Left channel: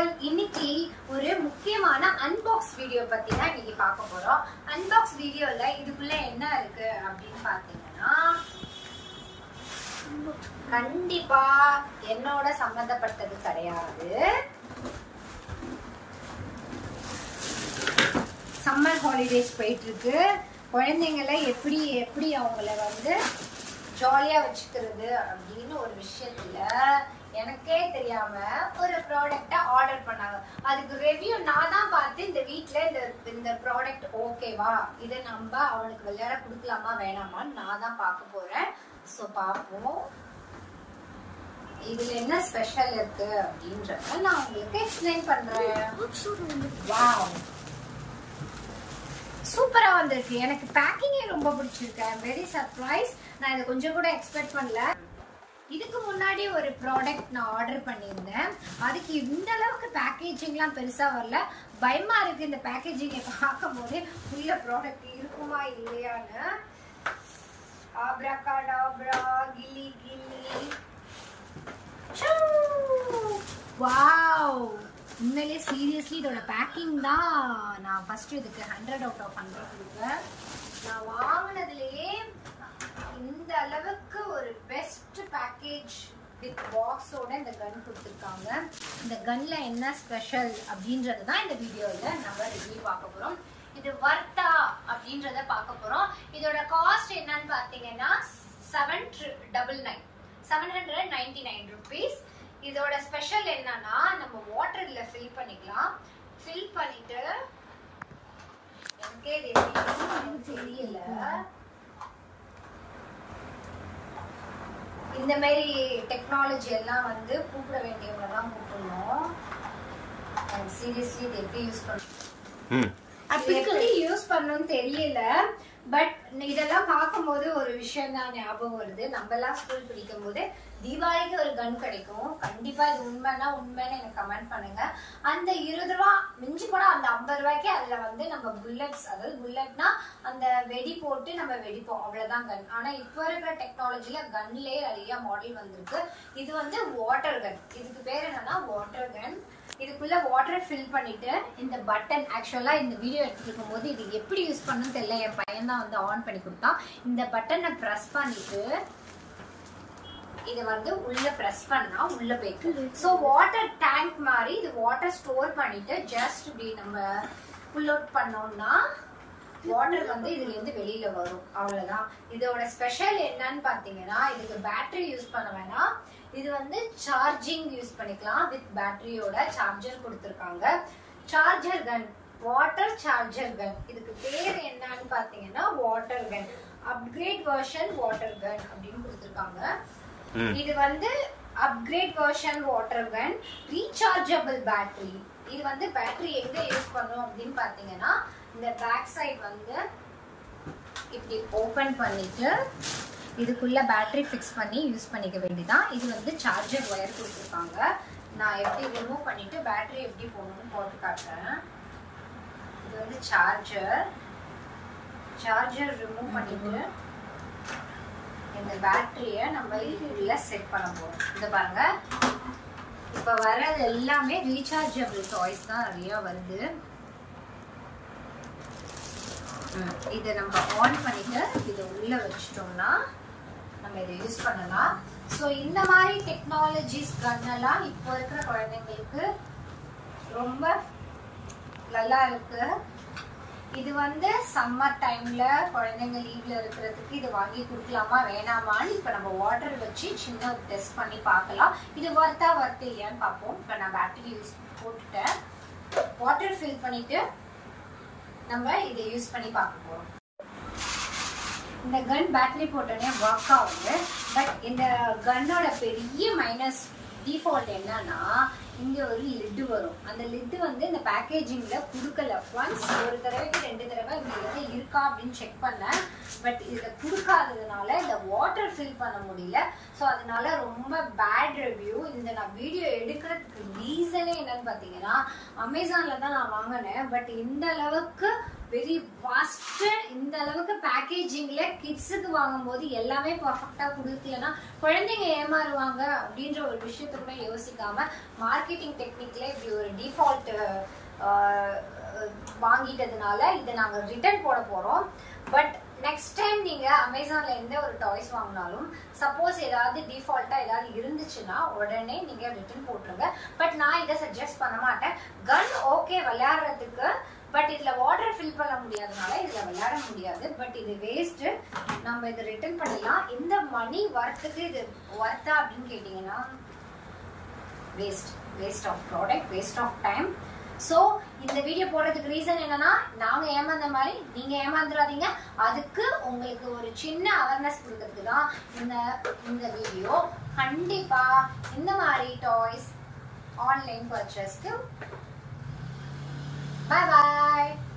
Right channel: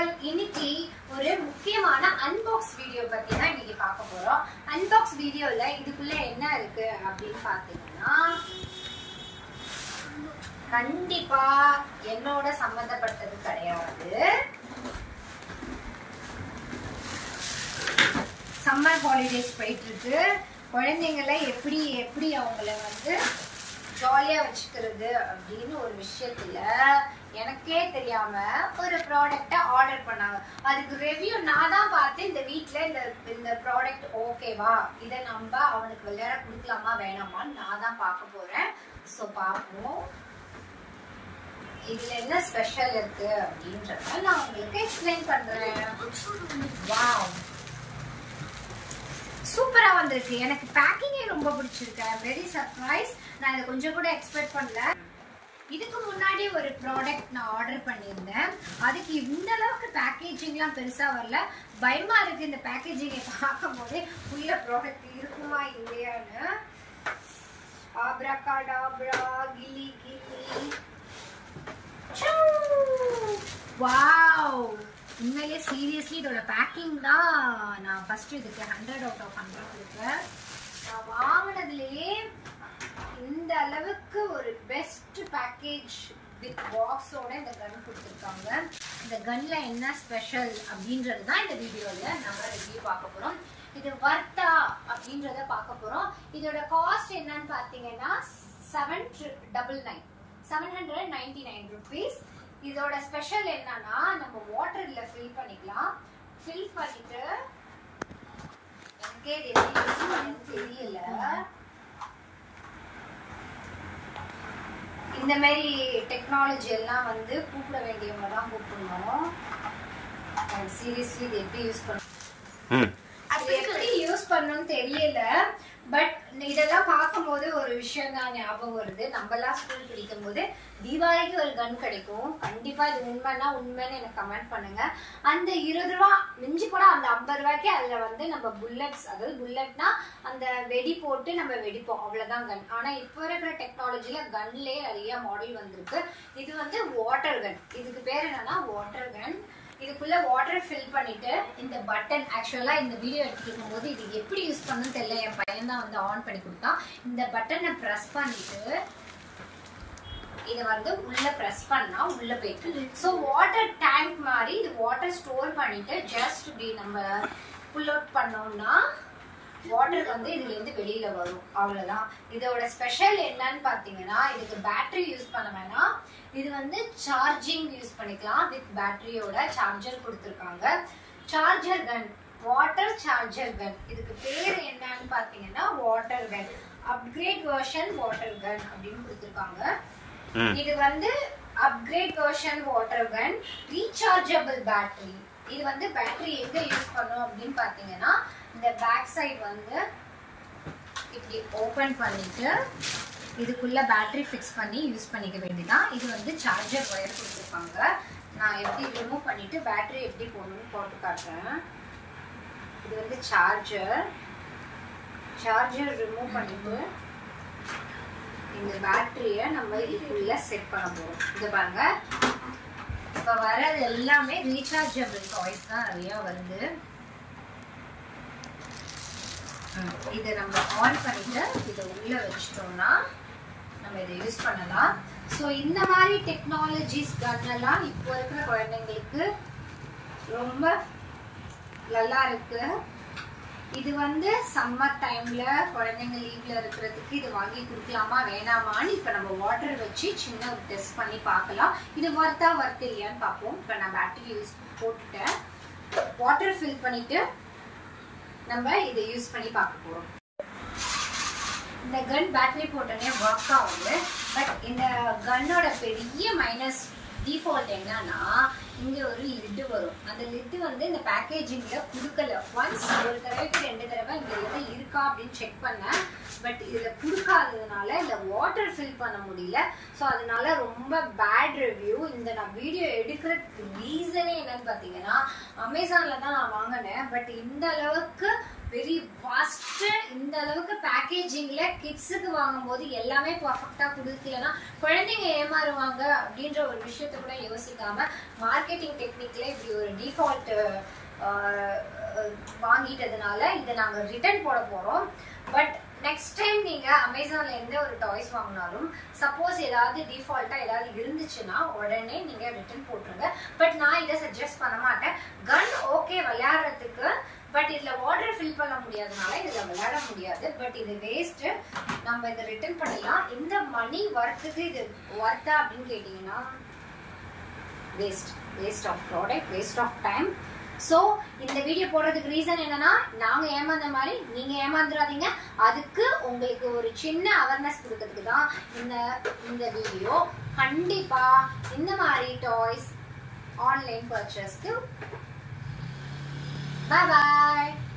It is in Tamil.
ஆல், இன்னைக்கு ஒரு முக்கியமான அன்பாக்ஸ் வீடியோ பத்தி தான் இன்னைக்கு பார்க்க போறோம். அன்பாக்ஸ் வீடியோல இதுக்குள்ள என்ன இருக்கு அப்படின்னு பாத்தீங்கன்னா, கண்டிப்பா என்னோட சம்பந்தப்பட்டது கிடையாது. சம்மர் ஹாலிடேஸ் போயிட்டு இருக்கு. குழந்தைங்களை எப்படி அவங்கள வந்து ஜாலியா வச்சுக்கிறது அப்படின்னு ஒரு விஷயத்துல எனக்கே தெரியாம ஒரு ப்ராடக்ட ஆர்டர் பண்ணாங்க. அதுக்கு ரிவ்யூ நான் தான் பார்த்து இந்த வீட்ல இந்த ப்ராடக்ட் ஓகேவா, இதை நம்ம அவனுக்கு விளையாட கொடுக்கலாமா வேணாமான்னு நான் தான் பார்க்க போறேன். சோ பாப்போம் இதுல என்ன ஸ்பெஷல் இருக்கு அப்படின்றத நான் உங்களுக்கு எக்ஸ்பிளைன் பண்றேன். வாவ், சூப்பரா வந்திருக்கு. எனக்கு பேக்கிங்கே ரொம்ப பிடிச்சிருக்கு. ஐ அம் வெரி சர்ப்ரைஸ். நான் இதை கொஞ்சம் கூட எக்ஸ்பெக்ட் பண்ணல. இதுக்கு முன்னாடி ஒரு ப்ராடக்ட் நான் ஆர்டர் பண்ணியிருந்தேன். அதுக்கு இந்த அளவுக்கு பேக்கேஜிங்லாம் பெருசா வரல. பயமா இருக்கு இந்த பேக்கேஜிங்கை பார்க்கும் போதே உள்ள ப்ராடக்ட் இருக்குமா இல்லையான்னு. ஆப்ராகாடாப்ரா, கிலி கிலி. வாவ், உண்மையிலே சீரியஸ்லி இதோட பேக்கிங் தான் நான் ஃபர்ஸ்ட் இதுக்கு 100 out of 100 கொடுப்பேன். நான் வாங்கினதுலயே இந்த அளவுக்கு ஒரு பெஸ்ட் பேக்கேஜ் வித் பாக்ஸோட இந்த கன் கொடுத்துருக்காங்க. இந்த கன்ல என்ன ஸ்பெஷல் அப்படின்றது தான் இந்த வீடியோல நம்ம ரிவ்யூ பார்க்க போறோம். இது வர்த்தா அப்படின்றத பார்க்க போறோம். இதோட காஸ்ட் என்னன்னு பாத்தீங்கன்னா 799 rupees. இதோட ஸ்பெஷல் என்னன்னா, நம்ம வாட்டர்ல ஃபில் பண்ணிக்கலாம். ஃபில் பண்ணிட்டு எனக்கே தெரியல, இந்த மாதிரி டெக்னாலஜி எல்லாம் வந்து கூப்பிட வேண்டியவங்க தான் கூப்பிடணும். சீரியஸ்லி இது எப்படி யூஸ் பண்ணணும், எப்படி யூஸ் பண்ணணும்னு தெரியல. பட் இதெல்லாம் பார்க்கும்போது ஒரு விஷயம் தான் ஞாபகம் வருது. நம்ம எல்லாம் ஸ்கூல் படிக்கும் போது தீபாவளிக்கு ஒரு கன் கிடைக்கும். கண்டிப்பா இது உண்மைன்னா உண்மைன்னு எனக்கு கமெண்ட் பண்ணுங்க. அந்த 20 ரூபா மிஞ்சி போனா அந்த 50 ரூபாய்க்கு அதுல வந்து நம்ம புல்லட்ஸ், அதாவது புல்லட்னா அந்த வெடி போட்டு நம்ம வெடிப்போம், அவ்வளவுதான் கன். ஆனா இப்ப இருக்கிற டெக்னாலஜில கன்லயே நிறைய மாடல் வந்திருக்கு. இது வந்து வாட்டர் கன். இதுக்கு பேர் என்னன்னா வாட்டர் கன். இதுக்குள்ள வாட்டர் ஃபில் பண்ணிட்டு இந்த பட்டன், ஆக்சுவலா இந்த வீடியோ எடுத்துக்கும் போது இது எப்படி யூஸ் பண்ணணும்னு தெரியல, என் பையன் தான் வந்து ஆன் பண்ணி கொடுத்தான். இந்த பட்டனை பிரஸ் பண்ணிட்டு இதை வந்து உள்ள பிரஸ் பண்ணா உள்ள போயிட்டு, சோ வாட்டர் டேங்க் மாதிரி இது வாட்டர் ஸ்டோர் பண்ணிட்டு ஜஸ்ட் இப்படி நம்ம புல் அவுட் பண்ணோம்னா வாட்டர் வந்து இதுல இருந்து வெளியில வரும், அவ்வளவுதான். இதோட ஸ்பெஷல் என்னன்னு பாத்தீங்கன்னா, இதுக்கு பேட்டரி யூஸ் பண்ண வேணாம். இது வந்து சார்ஜிங் யூஸ் பண்ணிக்கலாம். வித் பேட்டரியோட சார்ஜர் கொடுத்திருக்காங்க. Charger gun, water charger gun. இதுக்கு பேர் என்னன்னு பாத்தீங்கன்னா water gun, upgrade version water gun அப்படின்னு கொடுத்திருக்காங்க. இது வந்து upgrade version water gun, rechargeable battery. இது வந்து பேட்டரி எங்க யூஸ் பண்ணும் அப்படின்னு பாத்தீங்கன்னா, இந்த பேக் சைடு வந்து இப்படி ஓபன் பண்ணிட்டு இதுக்குள்ள பேட்டரி ஃபிக்ஸ் பண்ணி யூஸ் பண்ணிக்க வேண்டியதான். இது வந்து சார்ஜர் ஒயர் கொடுத்துருக்காங்க. நான் எப்படி ரிமூவ் பண்ணிட்டு பேட்டரி எப்படி போடணும்னு போட்டு காட்டுறேன். இது வந்து சார்ஜர் ரிமூவ் பண்ணிட்டு இந்த பேட்டரிய நம்ம இதுக்குள்ள செட் பண்ண போறோம். இது பாருங்க, இப்ப வர்றது எல்லாமே ரீசார்ஜபிள் டாய்ஸ் தான் நிறைய வருது. இதை நம்ம ஆன் பண்ணிட்டு இதை உள்ள வச்சிட்டோம்னா நம்ம இதை யூஸ் பண்ணலாம். ஸோ இந்த மாதிரி டெக்னாலஜிஸ் கன்னெல்லாம் இப்போ இருக்கிற குழந்தைங்களுக்கு ரொம்ப நல்லா இருக்கு. இது வந்து சம்மர் டைம்ல குழந்தைங்க லீவ்ல இருக்கிறதுக்கு இது வாங்கி கொடுக்கலாமா வேணாமான்னு இப்ப நம்ம வாட்டர் வச்சு சின்ன ஒரு டெஸ்ட் பண்ணி பார்க்கலாம். இது வர்த்தா இல்லையான்னு பார்ப்போம். இப்ப நான் பேட்டரி யூஸ் போட்டுட்டேன். வாட்டர் ஃபில் பண்ணிட்டு நம்ம இதை யூஸ் பண்ணி பார்க்க போறோம். இந்த கன் பேட்டரி போட்டோன்னே ஒர்க் ஆகுது. பட் இந்த கன்னோட பெரிய மைனஸ் டிஃபால்ட் என்னன்னா, இங்க ஒரு லிட் வரும். அந்த லிட் வந்து இந்த பேக்கேஜிங்ல குடுக்கல. ஒன்ஸ் ஒரு தடவைக்கு 2 தடவை இந்த லிட் இருக்கா அப்படின்னு செக் பண்ணேன். பட் இதுல குடுக்காததுனால இந்த வாட்டர் ஃபில் பண்ண முடியல. ஸோ அதனால ரொம்ப பேட் ரிவ்யூ. இந்த நான் வீடியோ எடுக்கிறதுக்கு ரீசனே என்னன்னு பாத்தீங்கன்னா, அமேசான்ல தான் நான் வாங்கினேன். பட் இந்த அளவுக்கு வெரி வாஸ்ட். இந்த அளவுக்கு பேக்கேஜிங்ல கிட்ஸுக்கு வாங்கும்போது எல்லாமே பர்ஃபெக்டா கொடுக்கலன்னா குழந்தைங்க ஏமாறுவாங்க அப்படின்ற ஒரு விஷயத்த கூட யோசிக்காம மார்க்கெட்டிங் டெக்னிக்ல இப்படி ஒரு டிஃபால்ட் வாங்கிட்டதுனால இதை நாங்க ரிட்டர்ன் போட போறோம். பட் நெக்ஸ்ட் டைம் நீங்க அமேசான்ல எந்த ஒரு டாய்ஸ் வாங்கினாலும் சப்போஸ் ஏதாவது டிஃபால்ட்டா ஏதாவது இருந்துச்சுன்னா உடனே நீங்க ரிட்டர்ன் போட்டுருங்க. பட் நான் இதை சஜஸ்ட் பண்ண மாட்டேன். கன் ஓகே விளையாடுறதுக்கு, பட் இதுல வாட்டர் ஃபில் பண்ண முடியாதனால இதுல விளையாட முடியாது. பட் இது வேஸ்ட், நம்ம இதை ரிட்டர்ன் பண்ணலாம். இந்த மணி வர்த்துக்கு இது வர்த்தா அப்படின்னு கேட்டீங்கன்னா waste of product, waste of time. So இந்த வீடியோ போடுறதுக்கு ரீசன் என்னன்னா, நாங்க ஏமாந்த மாதிரி நீங்க ஏமாந்துடாதீங்க. அதுக்கு உங்களுக்கு ஒரு சின்ன அவேர்னஸ் கொடுக்கறதுக்கு தான் இந்த வீடியோ. கண்டிப்பா இந்த மாதிரி டாய்ஸ் ஆன்லைன் பர்ச்சேஸ்க்கு. Bye bye.